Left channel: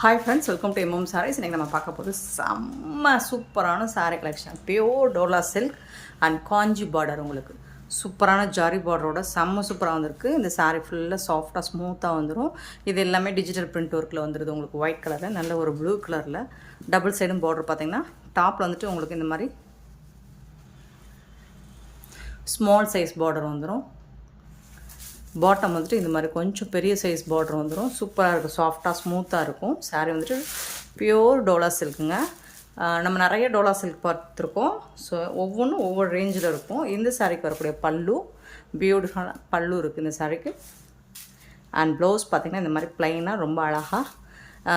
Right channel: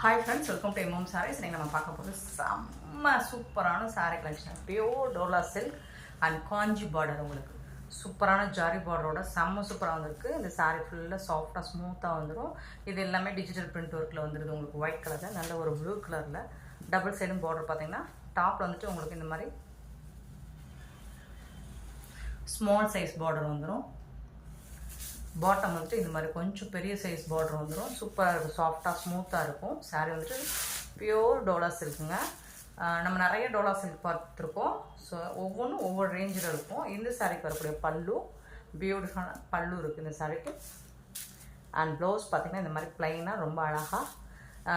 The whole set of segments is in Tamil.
Hi friends, welcome to MM sarees. இன்றைக்கி நம்ம பார்க்க போகிறது செம்ம சூப்பரான saree collection. Pure dola silk and Kanchi border. உங்களுக்கு சூப்பரான ஜாரி பார்டரோட செம்ம சூப்பராக வந்திருக்கு. இந்த சாரீ ஃபுல்லாக சாஃப்டாக ஸ்மூத்தாக வந்துடும். இது எல்லாமே டிஜிட்டல் பிரிண்ட் ஒர்க்கில் வந்துடுது. உங்களுக்கு ஒயிட் கலரில் நல்ல ஒரு ப்ளூ கலரில் டபுள் சைடும் பார்டர் பார்த்தீங்கன்னா டாப்பில் வந்துட்டு உங்களுக்கு இந்த மாதிரி ஸ்மால் சைஸ் பார்டர் வந்துடும். பாட்டம் வந்துட்டு இந்த மாதிரி கொஞ்சம் பெரிய சைஸ் பார்டர் வந்துடும். சூப்பராக இருக்கும், சாஃப்டாக ஸ்மூத்தாக இருக்கும். சாரீ வந்துட்டு பியோர் டோலா சில்க்குங்க. நம்ம நிறைய டோலா சில்க் பார்த்துருக்கோம். ஸோ ஒவ்வொன்றும் ஒவ்வொரு ரேஞ்சில் இருக்கும். இந்த சாரீக்கு வரக்கூடிய பல்லு பியூட்டிஃபுல்லான பல்லு இருக்குது இந்த சாரீக்கு. அண்ட் ப்ளவுஸ் பார்த்திங்கன்னா இந்த மாதிரி ப்ளைனாக ரொம்ப அழகாக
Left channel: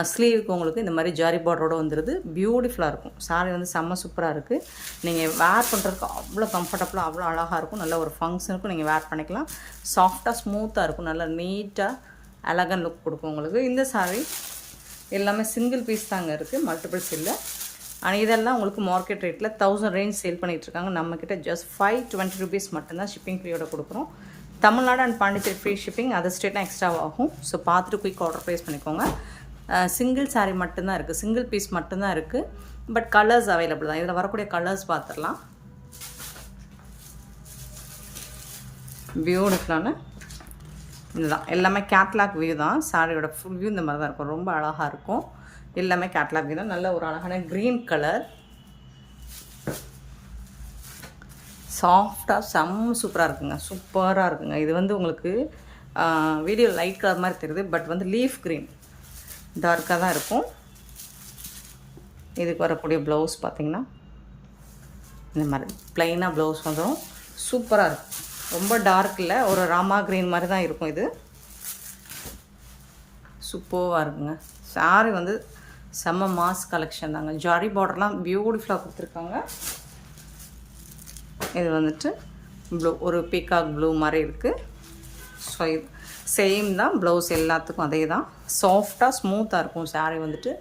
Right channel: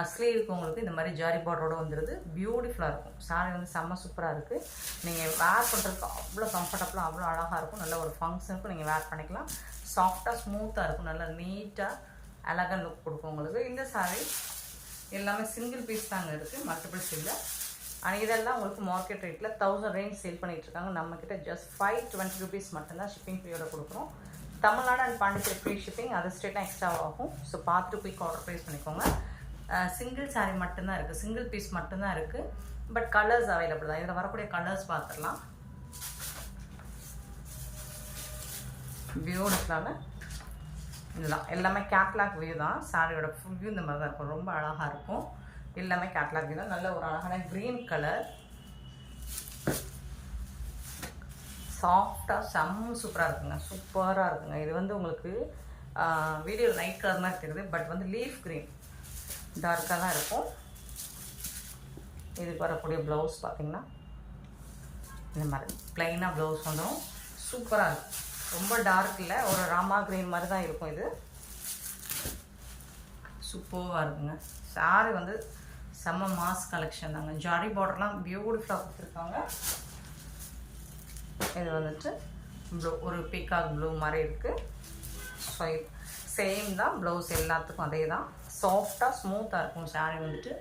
ஸ்லீவுக்கு உங்களுக்கு இந்த மாதிரி ஜாரி பார்டரோடு வந்துடுது. பியூட்டிஃபுல்லாக இருக்கும். சாரீ வந்து செம்ம சூப்பராக இருக்குது. நீங்கள் வேர் பண்ணுறதுக்கு அவ்வளோ கம்ஃபர்டபுளாக அவ்வளோ அழகாக இருக்கும். நல்ல ஒரு ஃபங்க்ஷனுக்கும் நீங்கள் வேர் பண்ணிக்கலாம். சாஃப்டாக ஸ்மூத்தாக இருக்கும். நல்லா நீட்டாக அழகாக லுக் கொடுக்கும் உங்களுக்கு. இந்த சாரீ எல்லாமே சிங்கிள் பீஸ் தாங்க இருக்குது, மல்டிபிள்ஸ் இல்லை. ஆனால் இதெல்லாம் உங்களுக்கு மார்க்கெட் ரேட்டில் 1000 ரேஞ்ச் சேல் பண்ணிகிட்ருக்காங்க. நம்மக்கிட்ட ஜஸ்ட் 520 rupees மட்டும்தான் ஷிப்பிங் ஃப்ரீயோட கொடுக்குறோம். Tamil Nadu and Pondicherry free shipping, other ஸ்டேட்னா எக்ஸ்ட்ரா ஆகும். ஸோ பார்த்துட்டு குயிக் ஆர்டர் ப்ளேஸ் பண்ணிக்கோங்க. சிங்கிள் சாரீ மட்டும்தான் இருக்குது, சிங்கிள் பீஸ் மட்டும்தான் இருக்குது. பட் கலர்ஸ் அவைலபிள் தான். இதில் வரக்கூடிய கலர்ஸ் பார்த்துடலாம். பியூட்டிஃபுல்லான இதுதான். எல்லாமே கேட்லாக் வியூ தான். சாரியோட ஃபுல் வியூ இந்த மாதிரி தான் இருக்கும். ரொம்ப அழகாக இருக்கும். எல்லாமே கேட்லாக் வியூ தான். நல்ல ஒரு அழகான க்ரீன் கலர், சாஃப்டாக செம்ம சூப்பராக இருக்குங்க. சூப்பராக இருக்குங்க. இது வந்து உங்களுக்கு வீடியோ லைட் கலர் மாதிரி தெரியுது, பட் வந்து லீஃப் க்ரீன் டார்க்காக தான் இருக்கும். இதுக்கு வரக்கூடிய ப்ளவுஸ் பார்த்திங்கன்னா இந்த மாதிரி ப்ளைனாக ப்ளவுஸ் வந்துடும். சூப்பராக இருக்கும். ரொம்ப டார்க் இல்லை, ஒரு ராமா க்ரீன் மாதிரி தான் இருக்கும். இது சூப்பராக இருக்குங்க. சாரி வந்து செம்ம மாஸ் கலெக்ஷன் தாங்க. ஜாரி பார்டர்லாம் பியூட்டிஃபுல்லாக கொடுத்துருக்காங்க. இது வந்துட்டு ப்ளூ, ஒரு பீகாக் ப்ளூ மாதிரி இருக்குது. ஸோ இது சேம் தான். ப்ளவுஸ் எல்லாத்துக்கும் அதே தான். சாஃப்டாக ஸ்மூத்தாக இருக்கும். சாரீ வந்துட்டு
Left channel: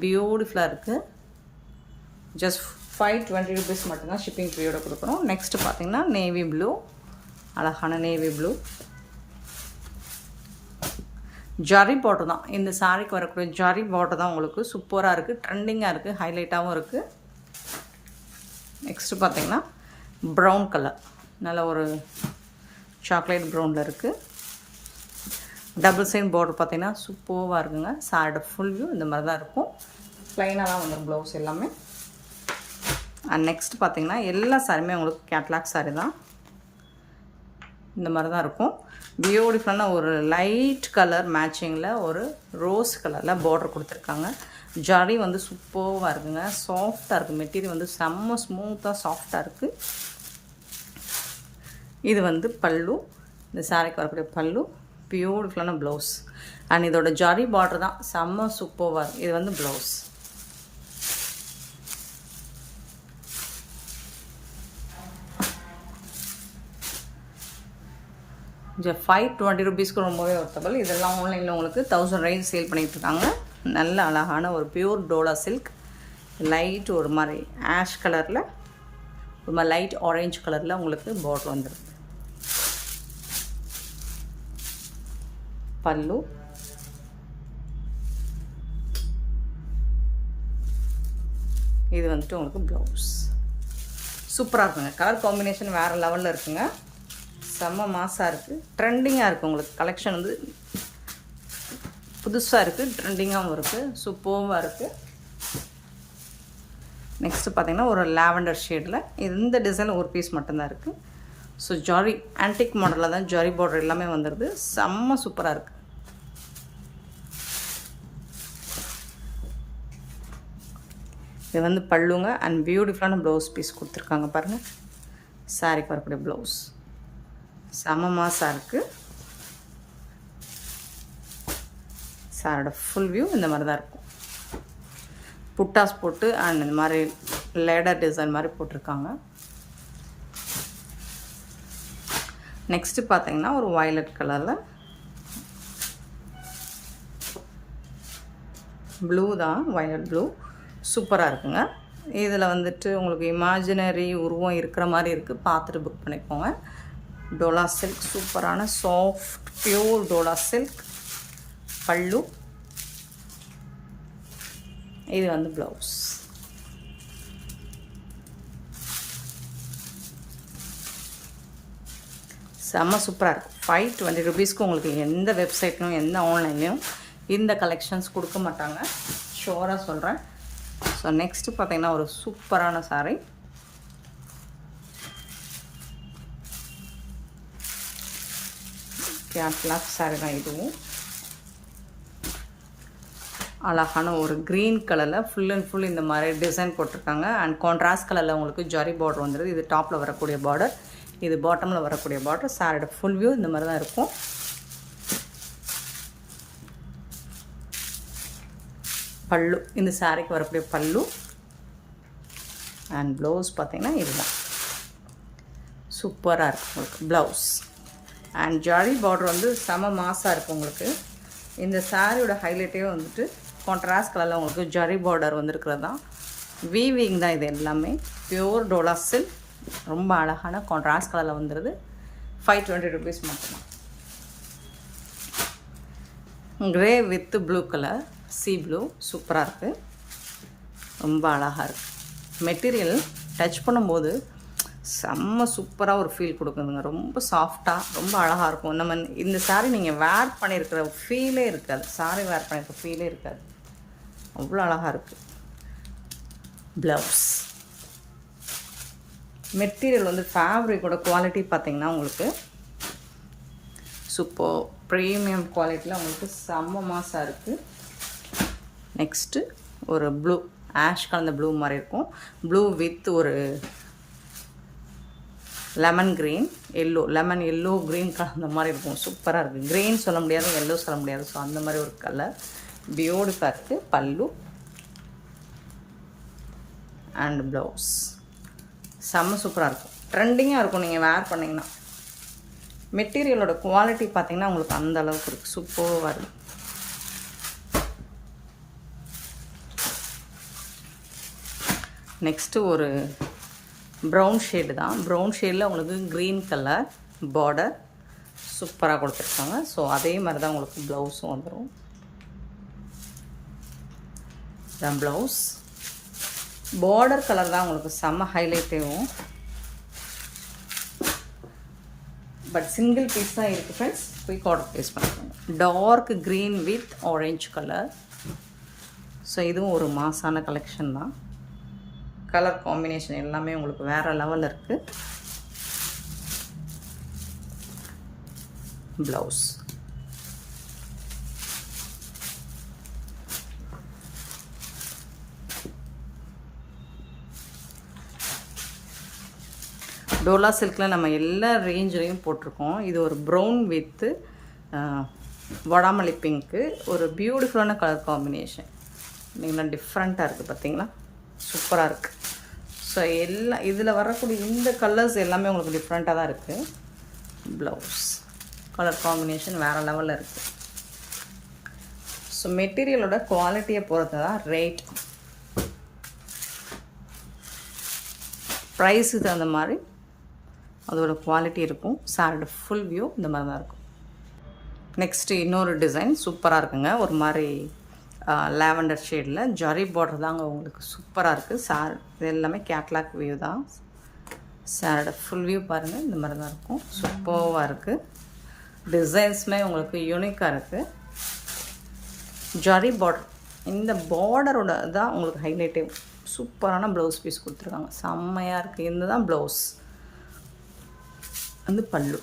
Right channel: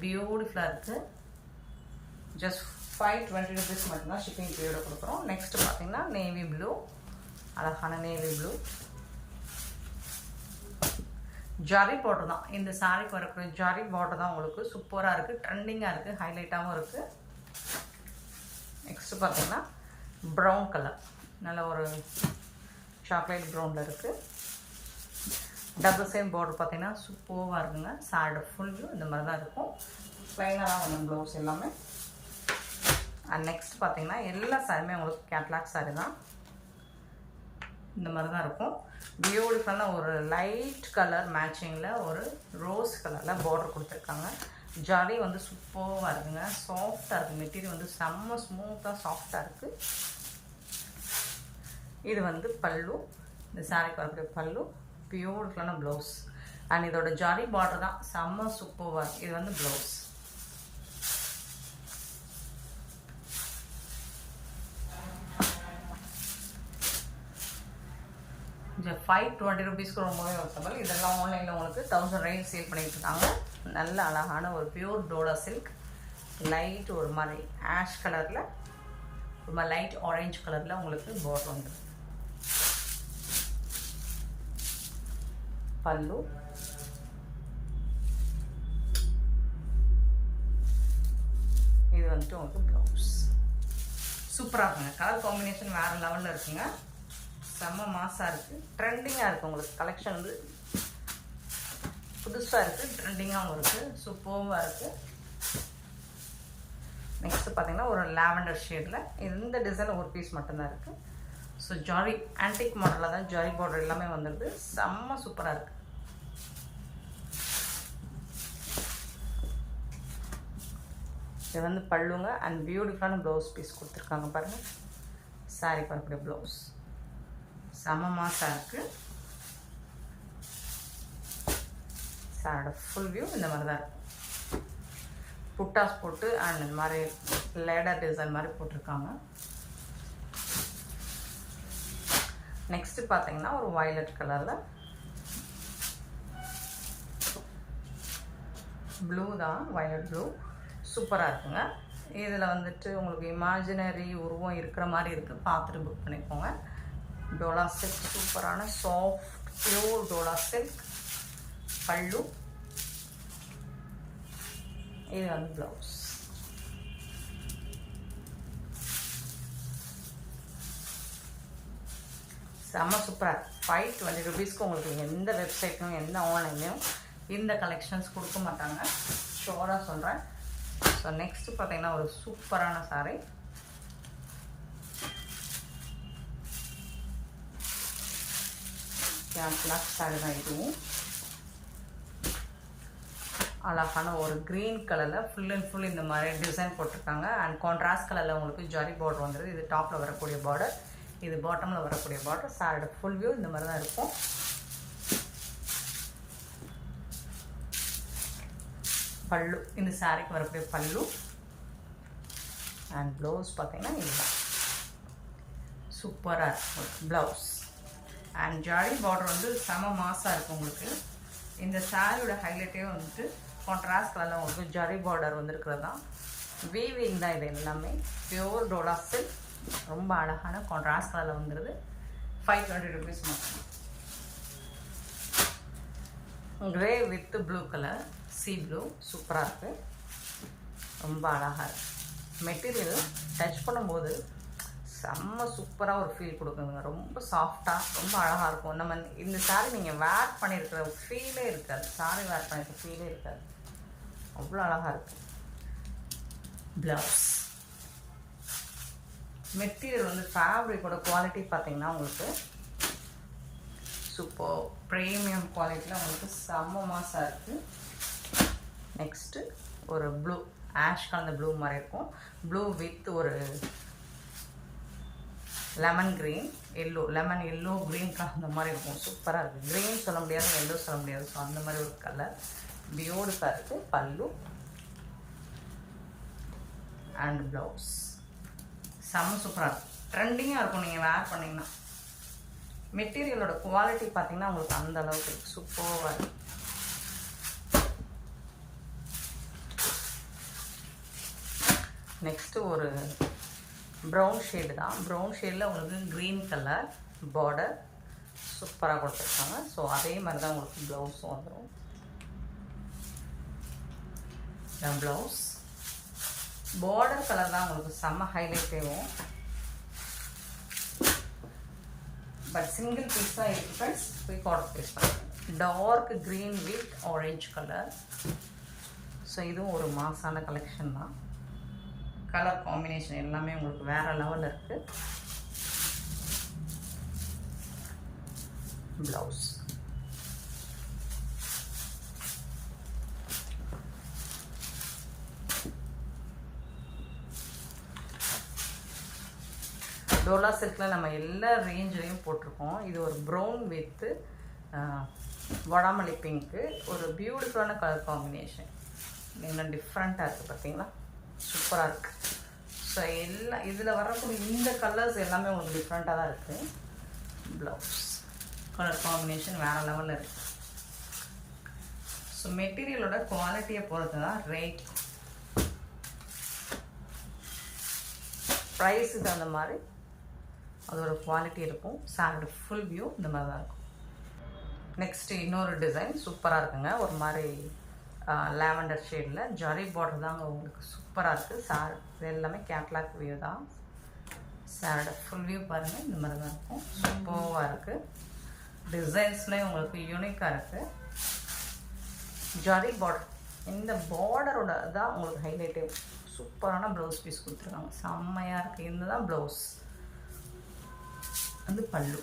பியூட்டிஃபுல்லாக இருக்குது. ஜஸ்ட் 520 rupees மட்டும்தான் ஷிப்பிங் ஃப்ரீயோட கொடுக்குறோம். நெக்ஸ்ட்டு பார்த்திங்கன்னா நேவி ப்ளூ, அழகான நேவி ப்ளூ ஜாரி பார்டர் தான். இந்த சாரீக்கு வரக்கூடிய ஜாரி பார்டர் தான் உங்களுக்கு சூப்பராக இருக்குது, ட்ரெண்டிங்காக இருக்குது, ஹைலைட்டாகவும் இருக்குது. நெக்ஸ்ட்டு பார்த்திங்கன்னா ப்ரௌன் கலர், நல்ல ஒரு சாக்லேட் ப்ரௌனில் இருக்குது. டபுள் சைட் பார்டர் பார்த்திங்கன்னா சூப்பராக இருக்குங்க. சாரியோட ஃபுல் வியூ இந்த மாதிரி தான் இருக்கும். ப்ளைனாக தான் வந்து ப்ளவுஸ் எல்லாமே. அண்ட் நெக்ஸ்ட் பார்த்திங்கன்னா எல்லா சாரியுமே உங்களுக்கு கேட்லாக் சாரி தான். இந்த மாதிரி தான் இருக்கும். பியூட்டிஃபுல்லான ஒரு லைட் கலர் மேட்சிங்கில் ஒரு ரோஸ் கலரில் பார்டர் கொடுத்துருக்காங்க. ஜரி வந்து சூப்பராக இருக்குங்க. சாஃப்டாக இருக்குது. மெட்டீரியல் வந்து செம்ம ஸ்மூத்தாக சாஃப்டாக இருக்குது. இது வந்து பல்லு, இந்த சாரிக்கு வரக்கூடிய பல்லு. பியூட்டிஃபுல்லான ப்ளவுஸ் அண்ட் இதோட ஜரி பார்டர் தான் செம்ம சூப்பராக இருக்குது. இது வந்து ப்ளவுஸ். ஜ 520 rupeesக்கு ரொம்பவே ஒர்த்தபிள். இதெல்லாம் ஆன்லைனில் உங்களுக்கு 1000 ரேஞ்ச் சேல் பண்ணிகிட்ருக்காங்க. நல்ல அழகான ஒரு பியூர் டோலா சில்க். லைட் ஒரு மாதிரி ஆஷ் கலரில், ஒரு மாதிரி லைட் ஆரேஞ்ச் கலரில் உங்களுக்கு பார்டர் வந்துருக்கு. பல்லு, இது வந்துட்டு உங்களுக்கு ப்ளவுஸ். சூப்பராக இருக்குங்க. கலர் காம்பினேஷன் வேறு லெவலில் இருக்குங்க. செம்ம மாசாக இருக்குது, ட்ரெண்டிங்காக இருக்குது. உங்களுக்கு கலெக்ஷன் வந்து புதுசாக இருக்குது, ட்ரெண்டிங்காகவும் இருக்குது, சூப்பராக இருக்குது. நெக்ஸ்ட்டு பார்த்திங்கன்னா ஒரு லாவெண்டர் ஷேடில் இந்த டிசைன் ஒரு பீஸ் மட்டும்தான் இருக்குது. ஸோ ஜாரி ஆன்டிக் மாடலில் தான் ஜாரி பார்டர் எல்லாமே வந்துடுது. செம்ம சூப்பராக இருக்குது. இது வந்து பல்லுங்க அண்ட் பியூட்டிஃபுல்லான ப்ளவுஸ் பீஸ் கொடுத்துருக்காங்க பாருங்கள். சாரிக்கு வரக்கூடிய ப்ளவுஸ் செம்ம மாசாக இருக்குது. சாரோட ஃபுல் வியூ இந்த மாதிரி தான் இருக்கும். புட்டாஸ் போட்டு அண்ட் இந்த மாதிரி லேடர் டிசைன் மாதிரி போட்டிருக்காங்க. நெக்ஸ்ட்டு பார்த்தீங்கன்னா ஒரு வயலட் கலரில் ப்ளூ தான், வயலட் ப்ளூ சூப்பராக இருக்குங்க. இதில் வந்துட்டு உங்களுக்கு இமேஜினரி உருவம் இருக்கிற மாதிரி இருக்குது. பார்த்துட்டு புக் பண்ணிக்கோங்க. டோலா சில்க், சூப்பரான சாஃப்ட் பியூர் டோலா சில்க். பல்லு, இது வந்து ப்ளவுஸ். செம்ம சூப்பராக இருக்கும். 520 rupeesக்கு உங்களுக்கு எந்த வெப்சைட்லையும் எந்த ஆன்லைன்லையும் இந்த கலெக்ஷன்ஸ் கொடுக்க மாட்டாங்க, ஷோராக சொல்கிறேன். ஸோ நெக்ஸ்ட்டு பார்த்தீங்கன்னா ஒரு சூப்பரான சாரீ. கேட்லாக் சாரீ தான் இதுவும். அழகான ஒரு க்ரீன் கலரில் ஃபுல் அண்ட் ஃபுல் இந்த மாதிரி டிசைன் போட்டிருக்காங்க. அண்ட் கான்ட்ராஸ்ட் கலரில் உங்களுக்கு ஜரி பார்டர் வந்துடுது. இது டாப்பில் வரக்கூடிய பார்டர், இது பாட்டமில் வரக்கூடிய பார்டர். சாரோட ஃபுல் வியூ இந்த மாதிரி தான் இருக்கும். பல்லு, இந்த சாரிக்கு வரக்கூடிய பல்லு. அண்ட் ப்ளவுஸ் பார்த்தீங்கன்னா இதுதான் சூப்பராக இருக்கும் உங்களுக்கு ப்ளவுஸ். அண்ட் ஜரி பார்டர் வந்து செம மாசாக இருக்கும் உங்களுக்கு. இந்த சாரியோட ஹைலைட்டே வந்துட்டு கான்ட்ராஸ்ட் கலரில் உங்களுக்கு ஜரி பார்டர் வந்துருக்கிறது தான். வீவிங் தான் இது எல்லாமே. பியூர் டோலா சில்க், ரொம்ப அழகான கான்ட்ராஸ்ட் கலரில் வந்துடுது. 520 rupees மட்டும். Grey with blue colour, C blue, சூப்பராக இருக்குது, ரொம்ப அழகாக இருக்குது. மெட்டீரியல் டச் பண்ணும்போது செம்ம சூப்பராக ஒரு ஃபீல் கொடுக்குதுங்க. ரொம்ப சாஃப்டாக ரொம்ப அழகாக இருக்கும். நம்ம இந்த சாரீ நீங்கள் வேர் பண்ணியிருக்கிற ஃபீலே இருக்காது, சாரீ வேர் பண்ணியிருக்க ஃபீலே இருக்காது, அவ்வளோ அழகாக இருக்குது. ப்ளவுஸ் மெட்டீரியல் வந்து ஃபேப்ரிக்கோட குவாலிட்டி பார்த்திங்கன்னா உங்களுக்கு சூப்பர் ப்ரீமியம் குவாலிட்டியில் உங்களுக்கு செம்ம மாசாக இருக்குது. நெக்ஸ்ட்டு ஒரு ப்ளூ, ஆஷ் கலந்த ப்ளூ மாதிரி இருக்கும். ப்ளூ வித் ஒரு lemon green, yellow, lemon yellow green கலந்த மாதிரி இருக்கும். சூப்பராக இருக்குது. க்ரீன் சொல்ல முடியாது, எல்லோ சொல்ல முடியாது. ஸோ அந்த மாதிரி ஒரு கலர் பியூட்டிஃபுல்லாக இருக்குது. பல்லு அண்ட் ப்ளவுஸ் செம்ம சூப்பராக இருக்கும். ட்ரெண்டிங்காக இருக்கும் நீங்கள் வேர் பண்ணிங்கன்னா. மெட்டீரியலோட குவாலிட்டி பார்த்திங்கன்னா உங்களுக்கு அந்த அளவுக்கு இருக்குது, சூப்பராக இருக்குது. நெக்ஸ்ட்டு ஒரு ப்ரௌன் ஷேடு தான். ப்ரௌன் ஷேடில் உங்களுக்கு க்ரீன் கலர் பார்டர் சூப்பராக கொடுத்துருக்காங்க. ஸோ அதே மாதிரி தான் உங்களுக்கு ப்ளவுஸும் வந்துடும். தான் ப்ளவுஸ் பார்டர் கலர் தான் உங்களுக்கு செம்ம ஹைலைட்டேவும். பட் சிங்கிள் பீஸ் தான் இருக்குது ஃப்ரெண்ட்ஸ். குயிக் ஆர்டர் ப்ளேஸ் பண்ணுங்க. Dark green with orange colour. So இதுவும் ஒரு மாசான கலெக்ஷன் தான். கலர் காம்பினேஷன் எல்லாமே உங்களுக்கு வேறு லெவலில் இருக்குது. ப்ளவுஸ் டோலா சில்கில் நம்ம எல்லா ரேஞ்சிலையும் போட்டிருக்கோம். இது ஒரு ப்ரௌன் வித்து வடாமல்லி பிங்க்கு, ஒரு பியூட்டிஃபுல்லான கலர் காம்பினேஷன். இன்னும் டிஃப்ரெண்ட்டாக இருக்குது பார்த்தீங்களா, சூப்பராக இருக்குது. ஸோ எல்லாம் இதில் வரக்கூடிய இந்த கலர்ஸ் எல்லாமே உங்களுக்கு டிஃப்ரெண்ட்டாக தான் இருக்குது. ப்ளவுஸ் கலர் காம்பினேஷன் வேறு லெவலில் இருக்குது. ஸோ மெட்டீரியலோட குவாலிட்டியை பொறுத்து தான் ரேட், ப்ரைஸுக்கு தகுந்த மாதிரி அதோட குவாலிட்டி இருக்கும். சாரோட ஃபுல் வியூ இந்த மாதிரி தான் இருக்கும். நெக்ஸ்ட்டு இன்னொரு டிசைன் சூப்பராக இருக்குங்க. ஒரு மாதிரி லாவெண்டர் ஷேடில் ஜரி பார்டர் தாங்க உங்களுக்கு சூப்பராக இருக்குது. சார் இது எல்லாமே கேட்லாக் வியூ தான். சாரோட ஃபுல் வியூ பாருங்கள், இந்த மாதிரி தான் இருக்கும். சூப்பராக இருக்குது. டிசைன்ஸுமே உங்களுக்கு யூனிக்காக இருக்குது. ஜரி பார்டர், இந்த பார்டரோட தான் உங்களுக்கு ஹைலைட்டே. சூப்பரான ப்ளவுஸ் பீஸ் கொடுத்துருக்காங்க, செம்மையாக இருக்குது. இந்த தான் ப்ளவுஸ் வந்து பல்லு.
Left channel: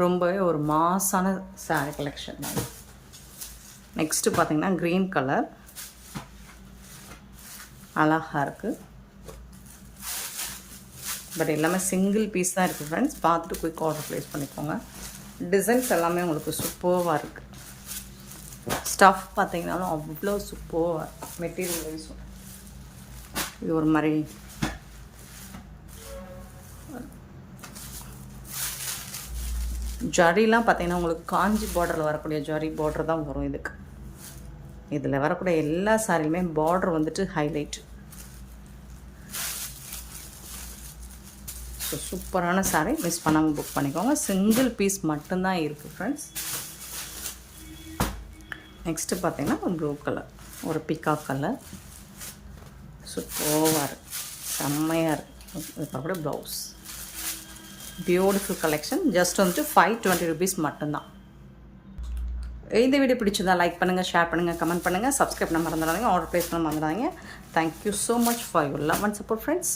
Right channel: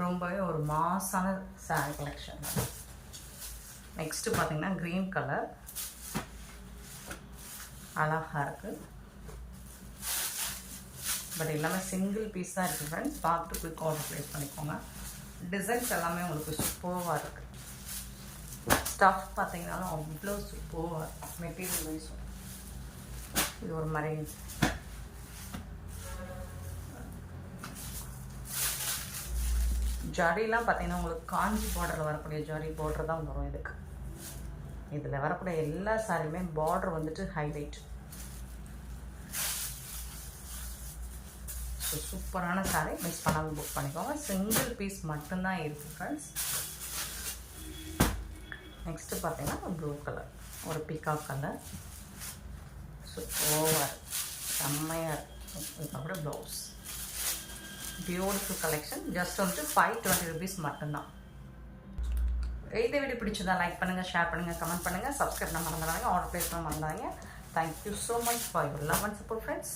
ரொம்பவே ஒரு மாசான சாரீ கலெக்ஷன். நெக்ஸ்ட்டு பார்த்தீங்கன்னா க்ரீன் கலர் அழகாக இருக்குது. பட் எல்லாமே சிங்கிள் பீஸ் தான் இருக்குது ஃப்ரெண்ட்ஸ். பார்த்துட்டு குயிக் ஆர்டர் ப்ளேஸ் பண்ணிக்கோங்க. டிசைன்ஸ் எல்லாமே உங்களுக்கு சூப்பராக இருக்குது. ஸ்டஃப் பார்த்தீங்கன்னாலும் அவ்வளோ சூப்பராக இருக்குது. மெட்டீரியல் வைஸும் இது ஒரு மாதிரி ஜரிலாம் பார்த்தீங்கன்னா உங்களுக்கு காஞ்சி பார்டரில் வரக்கூடிய ஜரி பார்டர் தான் வரும் இதுக்கு. இதில் வரக்கூடிய எல்லா சாரியுமே பார்டர் வந்துட்டு ஹைலைட். ஸோ சூப்பரான சாரீ, மிஸ் பண்ணாமல் புக் பண்ணிக்கோங்க. சிங்கிள் பீஸ் மட்டும்தான் இருக்குது ஃப்ரெண்ட்ஸ். நெக்ஸ்ட்டு பார்த்தீங்கன்னா ஒரு ப்ளூ கலர், ஒரு பிகாக் கலர், சூப்பராக இருக்குது, செம்மையாக இருக்குது. இதுக்கு அப்படியே ப்ளவுஸ், பியூட்டிஃபுல் கலெக்ஷன். ஜஸ்ட் வந்துட்டு 520 rupees மட்டும்தான். இந்த வீடியோ பிடிச்சிருந்தா லைக் பண்ணுங்கள், ஷேர் பண்ணுங்கள், கமெண்ட் பண்ணுங்கள், சப்ஸ்கிரைப் பண்ண மறந்துடாதீங்க, ஆர்டர் ப்ளேஸ் பண்ண மறந்துடாதீங்க. Thank you so much for your love and support friends.